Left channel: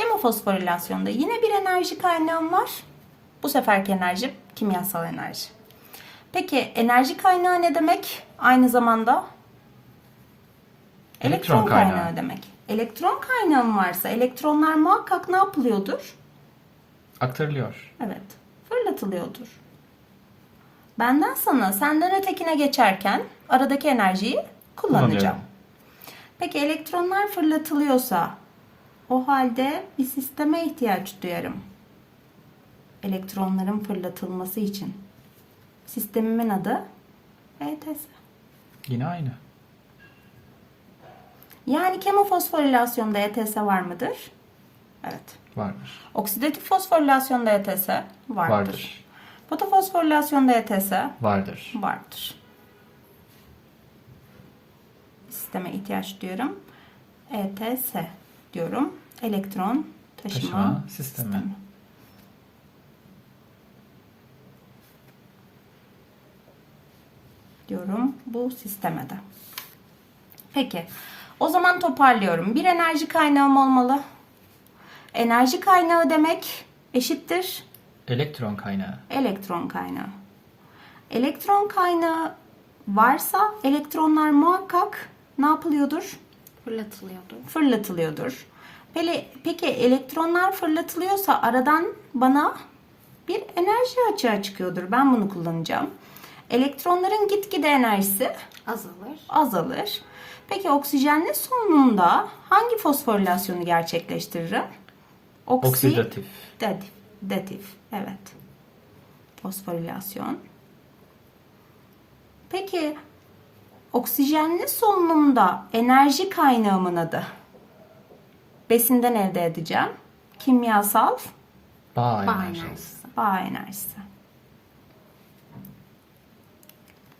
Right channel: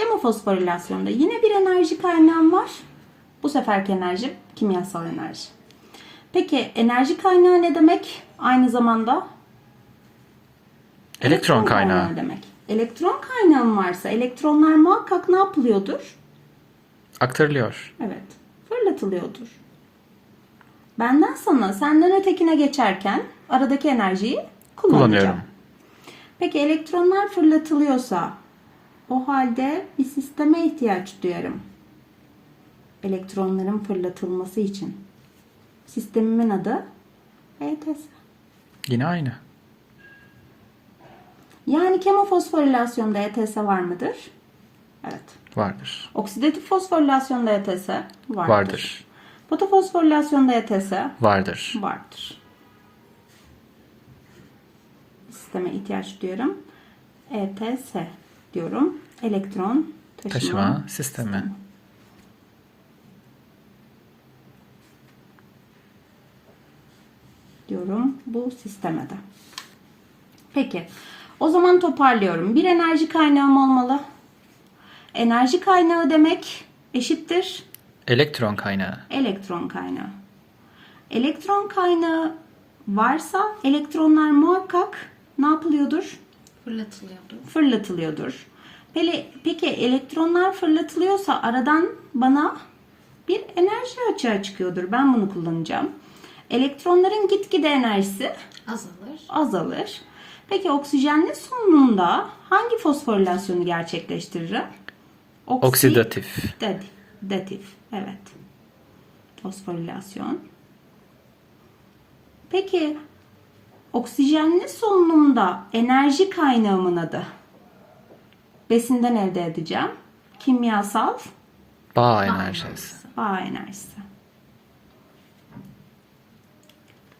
Kemofosforilasyonda yine bir enerji kaynağım var. Bu seferki enerji kimyasal enerji. Peki enerji kaynağı ne demek? Aynı zamanda Elektron kaynağı. demek. Elektron kaynağım varsa elektronlar muhakkak ne yapılıyordur? Aktarılıyor. Evet, fırlatılıyordur. Benden sana, senden ötekine geçerken aradaki enerjiyi kullanacağım. Kullanıyorum. Peki elektronlar fırlatılıyorsa o halde bir sisteme ihtiyaç duyarım. Elektronların fırlatılması için. Sistemimin adı ETS. Yine aynı. Yani kemofosforilasyonda ETS var mıdır? Evet. Vardır. Oksidatif fosforilasyonda ETS vardır. Vardır. Fotofosforilasyonda ETS Vardır. vardır. Sisteme ihtiyaç duyuyorum. ETS diyorum. Elektron taşıma, Taşıma sistemi. diyorum bu sisteme de. Peki. O zaman toparlıyorum. Bir enerji kaynağım olmalı. Enerji kaynağı demek eşittir Elektron kaynağı. elektron kaynağı. Elektron kaynağı varsa elektronlar muhakkak ne yapılıyordur? Fırlatılıyordu. Fırlatılıyordur. Peki, peki elektronlar fırlatılıyorsa aradan bana bir enerji açığa çıkıyordur. Ben bunu kullanacağım. Elektronların gitgide enerjisi Azalır. azalır. Peki oksijenli solunumda hangi fosforilasyonu gerçekleştiririm? Oksi- Oksidatif. Datif. Datif. Evet. Fosforilasyon. Peki oksijenli solunumda enerji kaynağımın adı? Besinden elde edeceğim. Kimyasal Bağ enerjisi. bağ enerjisi.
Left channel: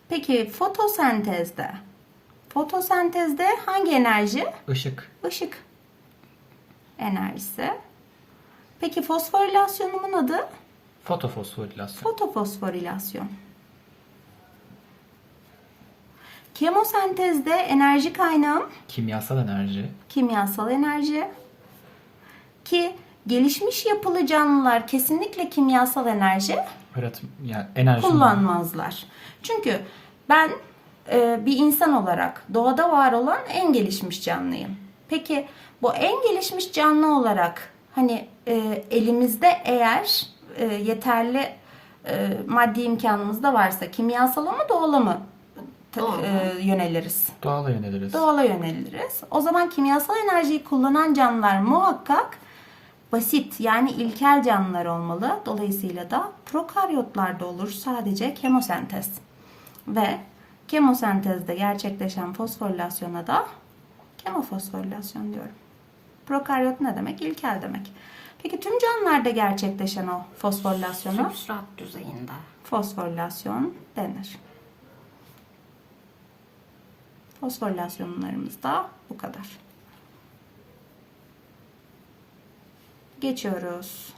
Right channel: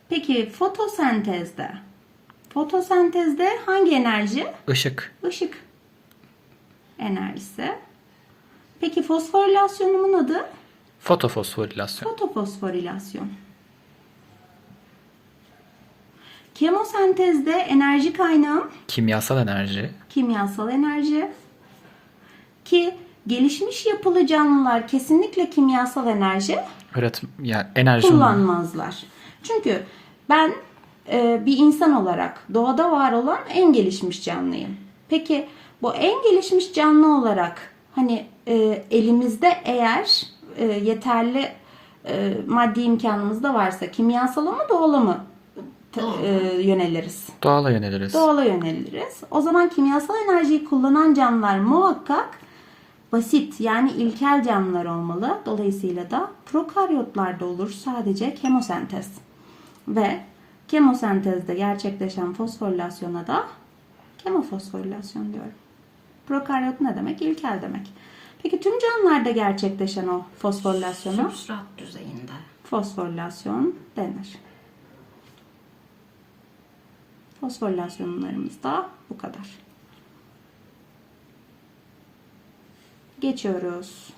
Peki fotosentezde fotosentezde hangi enerji? Işık. Işık enerjisi. Peki fosforilasyonumun adı? Fotofosforilasyon. Fotofosforilasyon. Kemosentezde enerji kaynağım Kimyasal enerji. kimyasal enerji. Ki gelişmiş yapılı canlılar kesinlikle kimyasal enerji Üretim, yani enerji. kullanmazlar. Çünkü ben e, bir insan olarak doğada var olan en gelişmiş canlıyım. Peki bu en gelişmiş canlı olarak hani e, elimizde eğer e, yeterli e, maddi imkanımız da varsa kimyasala mı doğala mı Doğala. e, yöneliriz? Doğala yöneliriz. Doğala yöneliriz. O zaman kimyasal enerjiyi kullanan canlılar muhakkak basit yani ilkel canlılar olmalı. Dolayısıyla da prokaryotlarda olur sadece kemosentez. Ve kemosentezde gerçekleşen fosforilasyona da kemofosforilasyon diyorum. Prokaryot ne demek? İlkel demek. Peki tüm canlılarda gerçekleşen o fosforilasyona Substrat düzeyinde. fosforilasyon denir. Fosforilasyonlarımız da bu kadar. Geçiyoruz.